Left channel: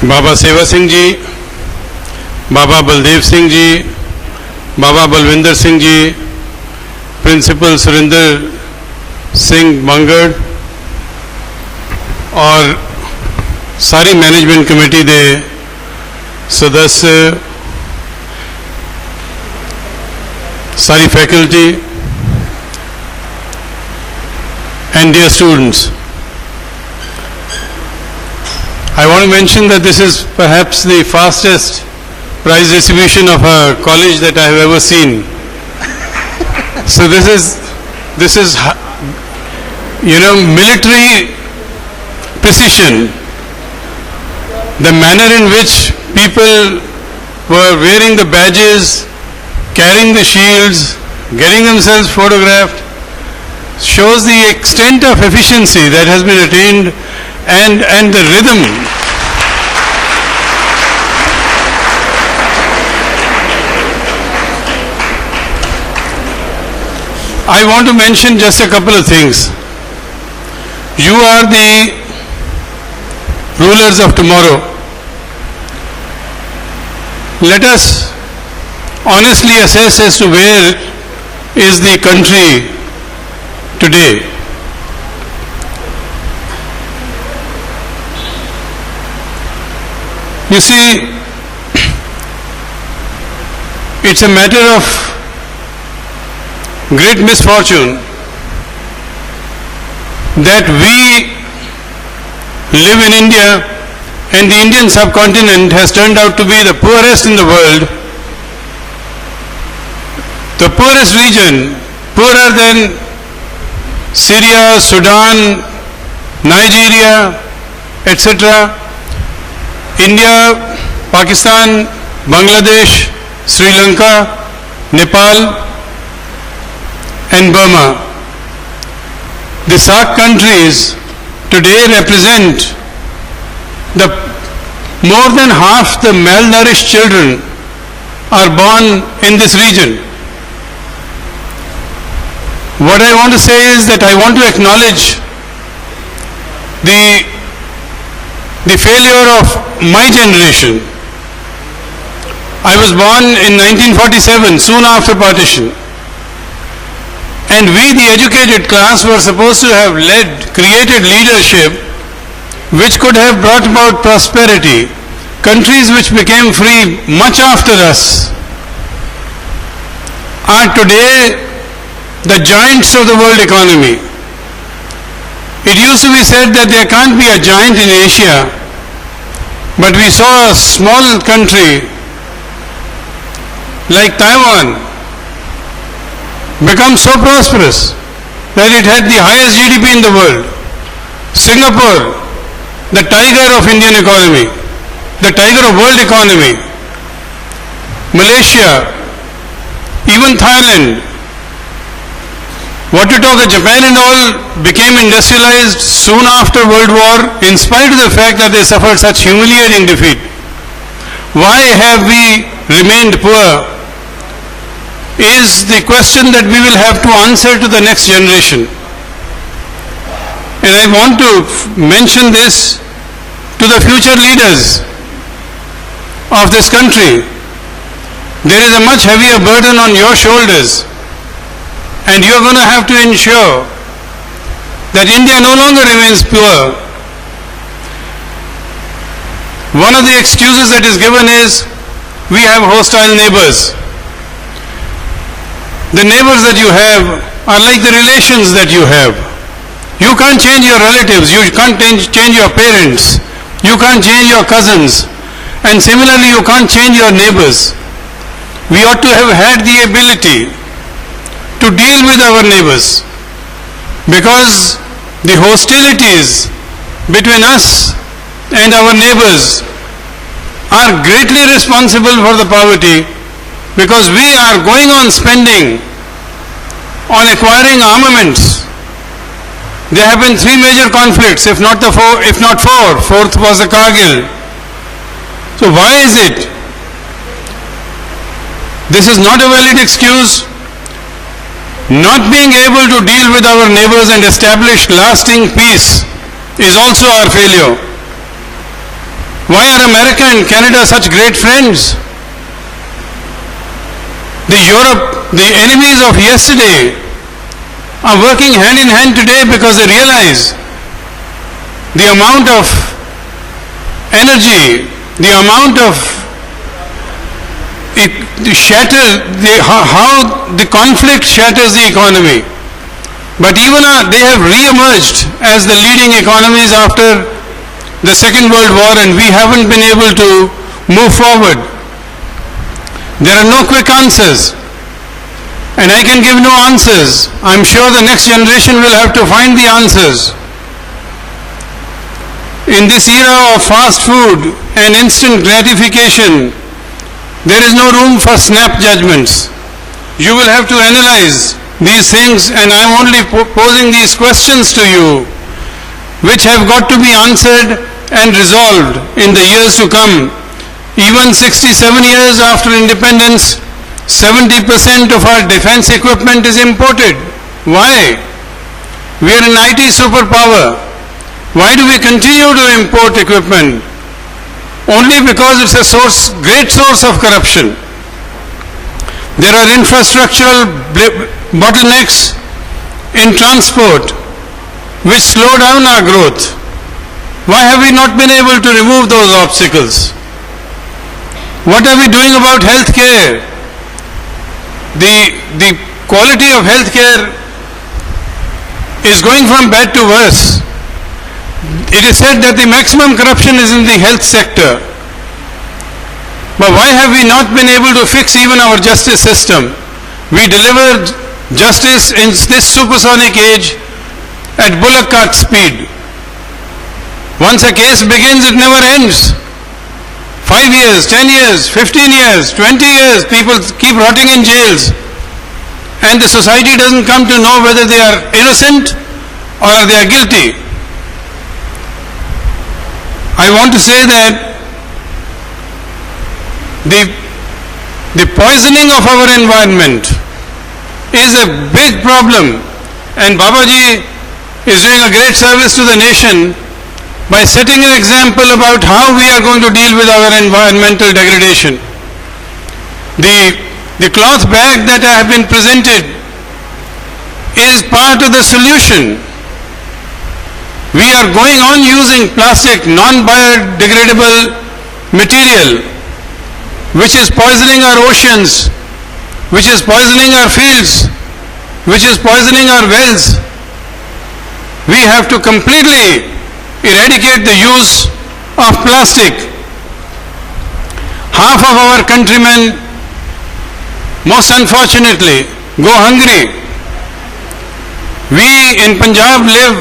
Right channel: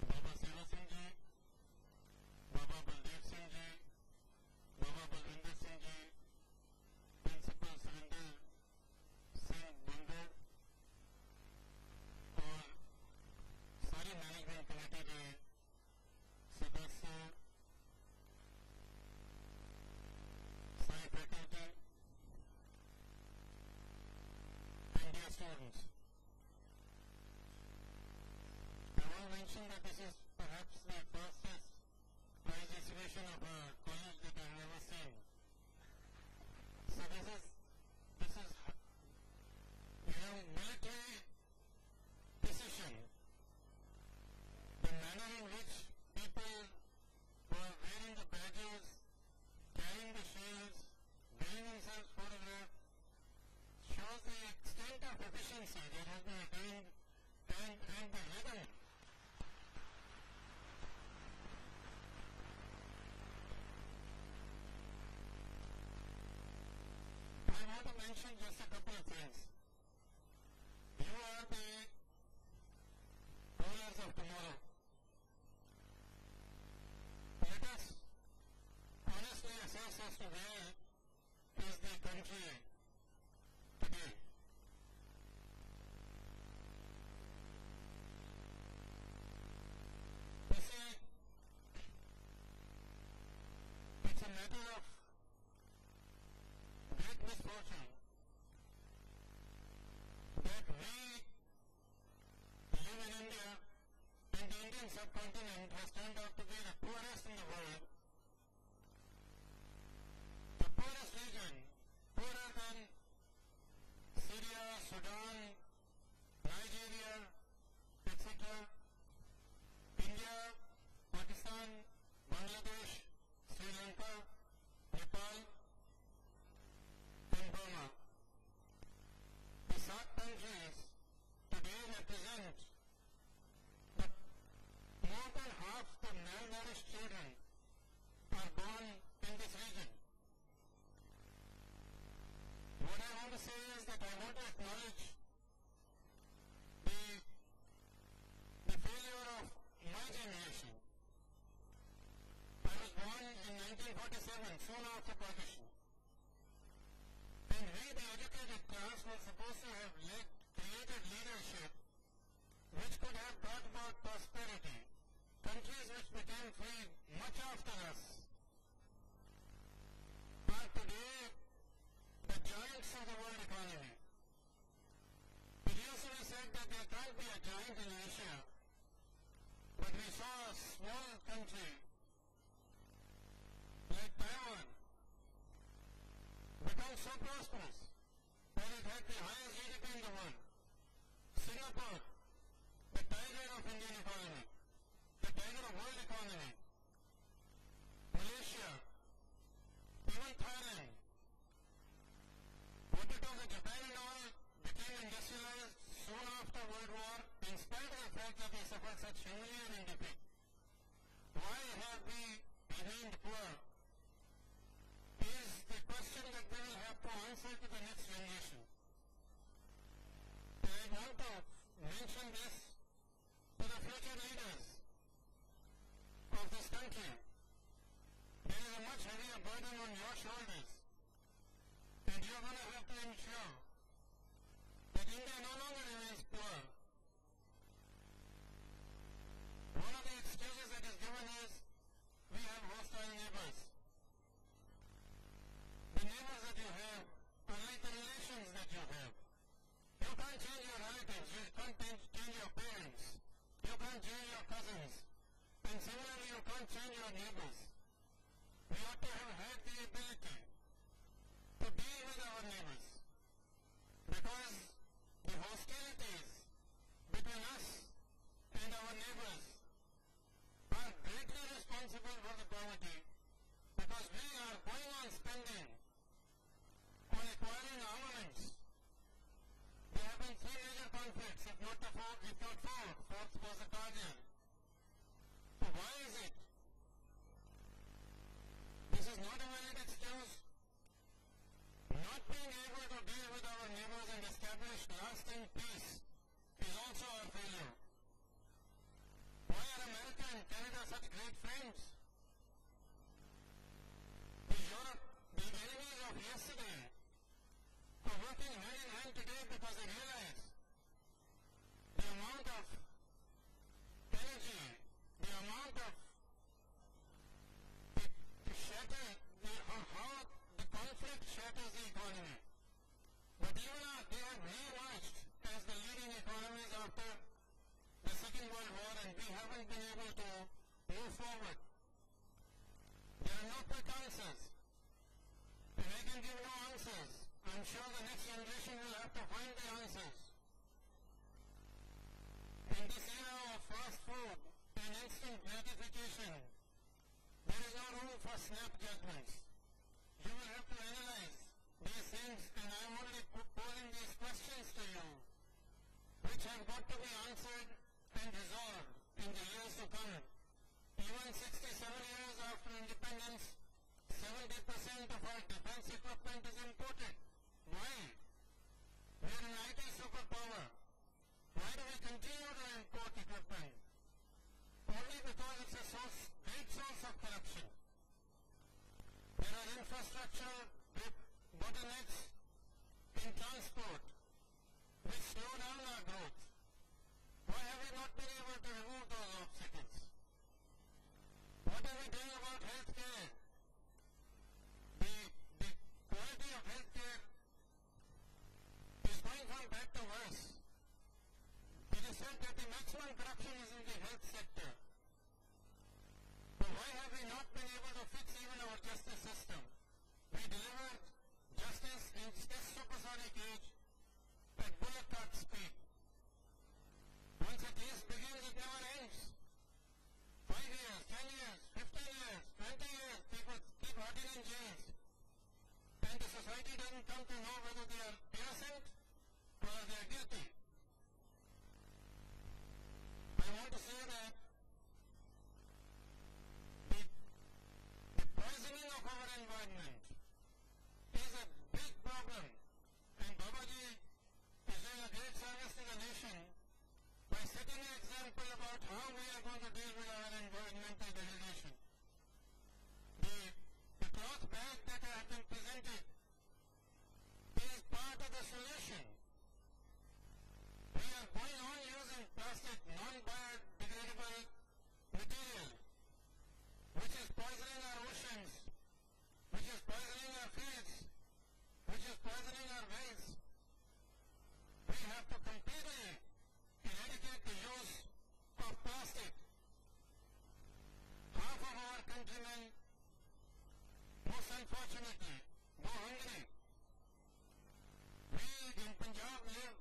बाबा सेवा सिंह जी, बाबा बलदेव सिंह जी, बाबा बलविंदर सिंह जी, प्रिंसिपल सुरेंद्र सिंह अंगड़ और सारी मैनेजमेंट कमेटी के सदस्य, सारी faculty and dear students. I want to mention that this is perhaps the fastest prize distribution of a college that I have ever seen. So this is military precision. The manner in which people were wearing the badges, carrying the shields, getting themselves photographed, shows the extent of efficiency that has been attained and the rhythm. I want to mention just a couple of things. You are the rulers of tomorrow. Let us honestly assess as to where is the country today. You see, it's a matter of great misfortune that we live in India and the Indian subcontinent has turned out to be the poorest in the world, the poorest region, poorer than Syria, Sudan, Nigeria, etc. India, Pakistan, Bangladesh, Sri Lanka, Nepal and Burma. The SAARC countries today represent the more than half the malnourished children are born in this region. What I want to say is that I want to acknowledge the failure of my generation. I was born in 1947, soon after partition. And we, the educated class, were supposed to have created leadership which could have brought about prosperity. Countries which became free much after us are today the giants of the world economy. It used to be said that there can't be a giant in Asia, but we saw a small country like Taiwan become so prosperous that it had the highest GDP in the world. Singapore, the tiger of Indian economy, the tiger of world economy. Malaysia, even Thailand. What to talk of Japan and all became industrialized soon after World War in spite of the fact that they suffered such humiliating defeat. Why have we remained poor is the question that we will have to answer to the next generation. And I want to mention this to the future leaders of this country. There is a much heavier burden on your shoulders, and you are going to have to ensure that India no longer remains poor. One of the excuses that is given is we have hostile neighbors. The neighbors that you have are like the relations that you have. You can't change your relatives, you can't change your parents, you can't change your cousins, and similarly you can't change your neighbors. We ought to have had the ability to deal with our neighbors, because the hostilities between us and our neighbors are greatly responsible for the poverty, because we are going on spending on acquiring armaments. There have been 3 major conflicts, if not 4. Fourth was the Kargil. So why is it? This is not a valid excuse. Not being able to deal with our neighbors and establish lasting peace is also our failure. Why are America and Canada such great friends? The enemies of yesterday are working hand in hand today because they realize the amount of energy, the amount of how the conflict shatters the economy. But even they have re-emerged as the leading economies after the Second World War, and we haven't been able to move forward. There are no quick answers, and I can give no answers. I'm sure the next generation will have to find the answers. In this era of fast food and instant gratification, there is no room for snap judgments. You will have to analyze these things, and I'm only posing these questions to you, which have got to be answered and resolved in the years to come. Even 67 years after independence, 70% of our defense equipment is imported. Why? We are an IT superpower. Why do we continue to import equipment? Only because it's a great source of corruption. There are infrastructural bottlenecks in transport which slow down our growth. Why have we not been able to remove those obstacles? What are we doing about health care? The quality of health care is going from bad to worse. It is said that the maximum corruption is in the health sector. But why have we not been able to fix even our justice system? We deliver justice in this supersonic age at bullock cart speed. Once a case begins, it never ends. 5 years, 10 years, 15 years, 20 years, people keep rotting in jails. And the society doesn't come to know whether they are innocent or they are guilty. I want to say that the poisoning of our environment is a big problem, and Babaji is doing a great service to the nation by setting an example about how we are going to deal with our environmental degradation. The cloth bag that I have been presented is part of the solution. We are going on using plastic, non-biodegradable material, which is poisoning our oceans, which is poisoning our fields, which is poisoning our wells. We have to completely eradicate the use of plastic. Half of our countrymen, most unfortunately, go hungry. We in Punjab live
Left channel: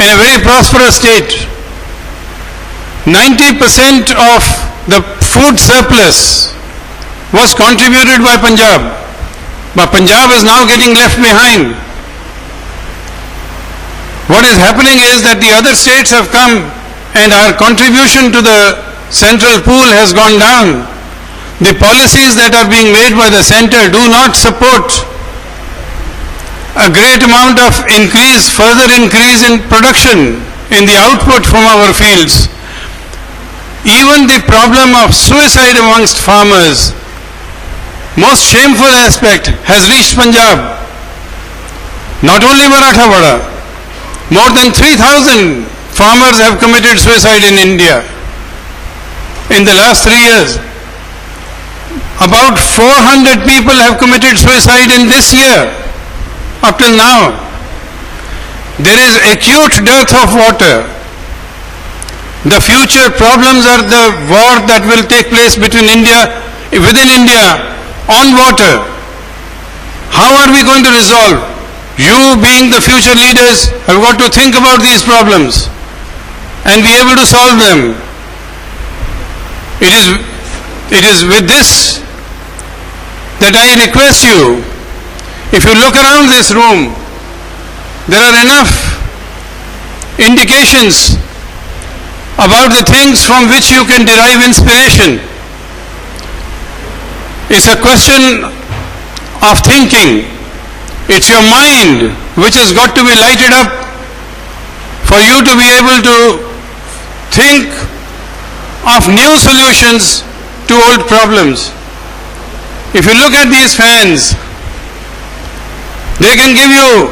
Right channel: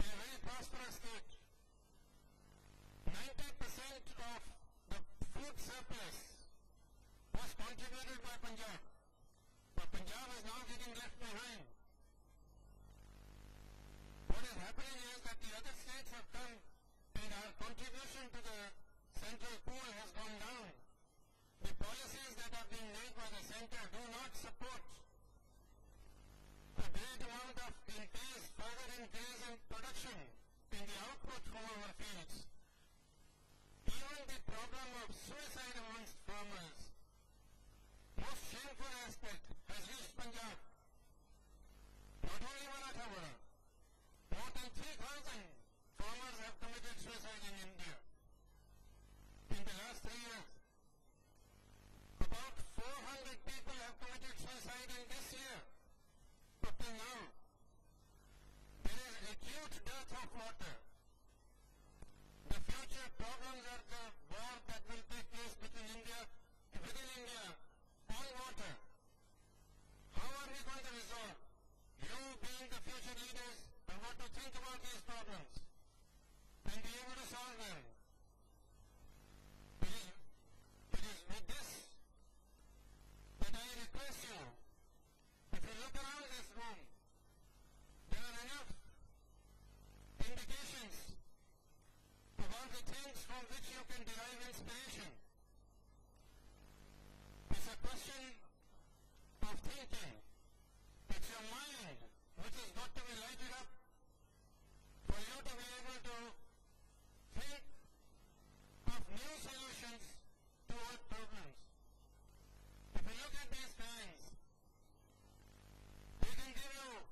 in a very prosperous state. 90% of the food surplus was contributed by Punjab, but Punjab is now getting left behind. What is happening is that the other states have come and our contribution to the central pool has gone down. The policies that are being made by the center do not support a great amount of further increase in production, in the output from our fields. Even the problem of suicide amongst farmers, most shameful aspect, has reached Punjab. Not only Marathawada, more than 3,000 farmers have committed suicide in India in the last 3 years. About 400 people have committed suicide in this year, up till now. There is acute dearth of water. The future problems are the war that will take place within India on water. How are we going to resolve? You, being the future leaders, have got to think about these problems and be able to solve them. It is with this that I request you, if you look around this room, there are enough indications about the things from which you can derive inspiration. It's a question of thinking. It's your mind which has got to be lighted up for you to be able to think of new solutions to old problems. If you look at these fans, they can give you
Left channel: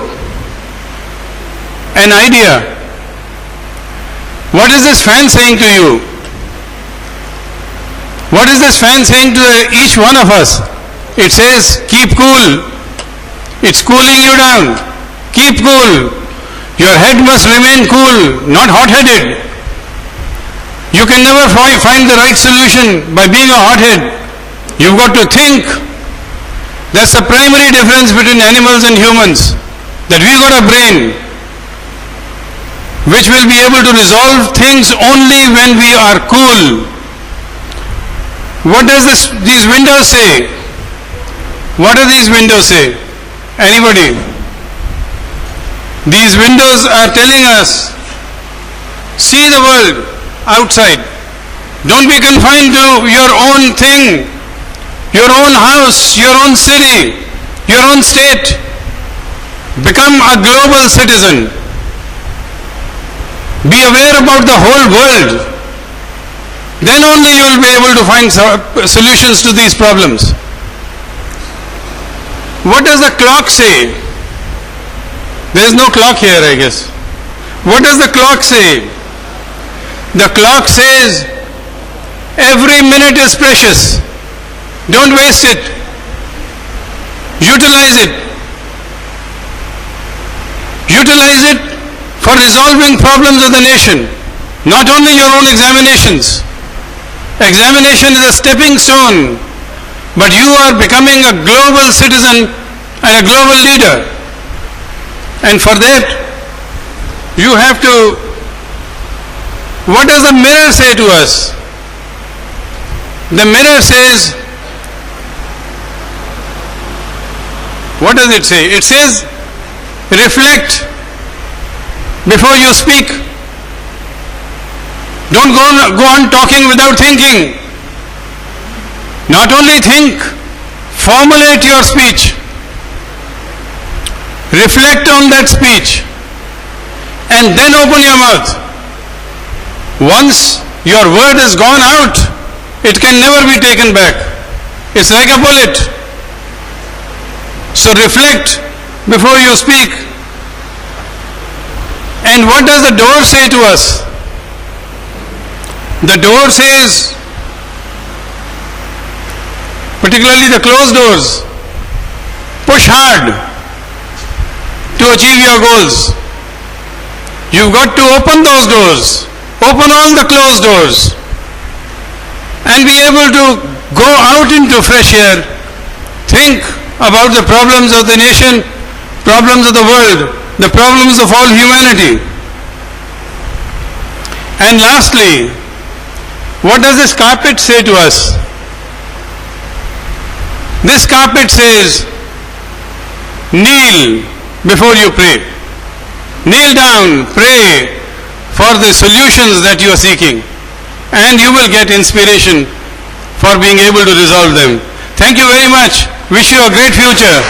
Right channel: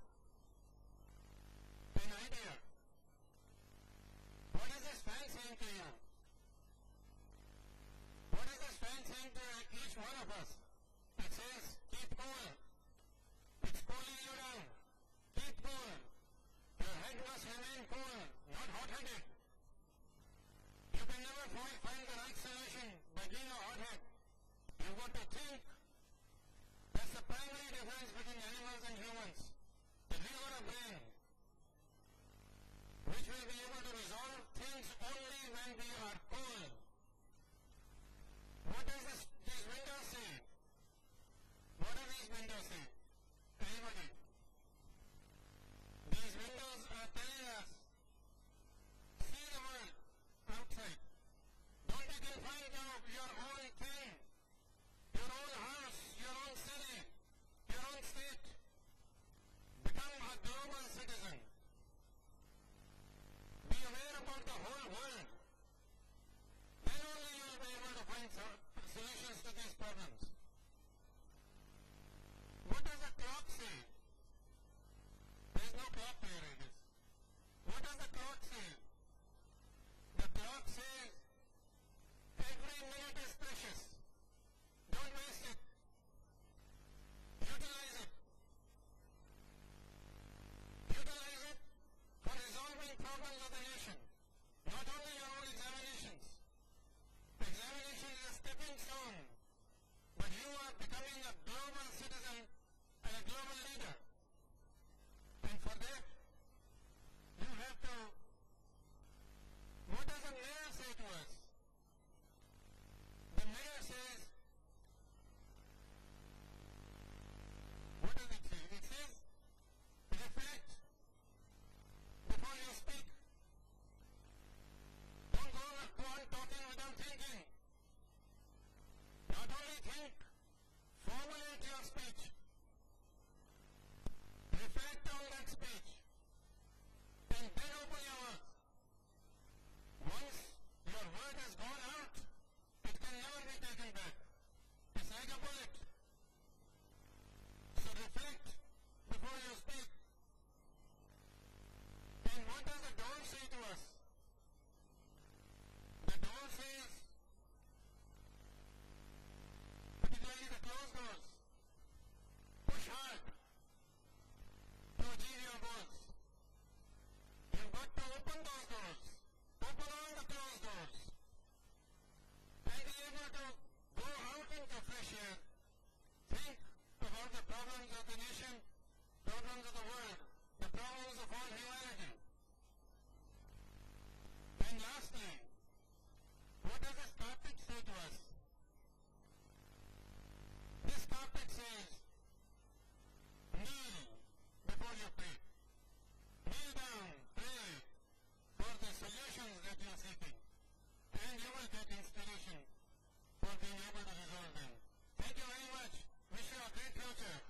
an idea. What is this fan saying to you? What is this fan saying to each one of us? It says, keep cool. It's cooling you down. Keep cool. Your head must remain cool, not hot-headed. You can never find the right solution by being a hothead. You've got to think. That's the primary difference between animals and humans. That we've got a brain which will be able to resolve things only when we are cool. What does these windows say? What do these windows say? Anybody? These windows are telling us, see the world outside. Don't be confined to your own thing, your own house, your own city, your own state. Become a global citizen. Be aware about the whole world. Then only you will be able to find solutions to these problems. What does the clock say? There is no clock here, I guess. What does the clock say? The clock says, every minute is precious. Don't waste it. Utilize it. Utilize it for resolving problems of the nation. Not only your own examinations. Examination is a stepping stone, but you are becoming a global citizen and a global leader. And for that, you have to, what does the mirror say to us? The mirror says, what does it say? It says, reflect before you speak. Don't go on talking without thinking. Not only think, formulate your speech. Reflect on that speech. And then open your mouth. Once your word has gone out, it can never be taken back. It's like a bullet. So reflect before you speak. And what does the door say to us? The door says, particularly the closed doors, push hard to achieve your goals. You've got to open those doors, open all the closed doors, and be able to go out into fresh air, think about the problems of the nation, problems of the world, the problems of all humanity. And lastly, what does this carpet say to us? This carpet says, kneel before you pray. Kneel down, pray for the solutions that you are seeking, and you will get inspiration for being able to resolve them. Thank you very much. Wish you a great future.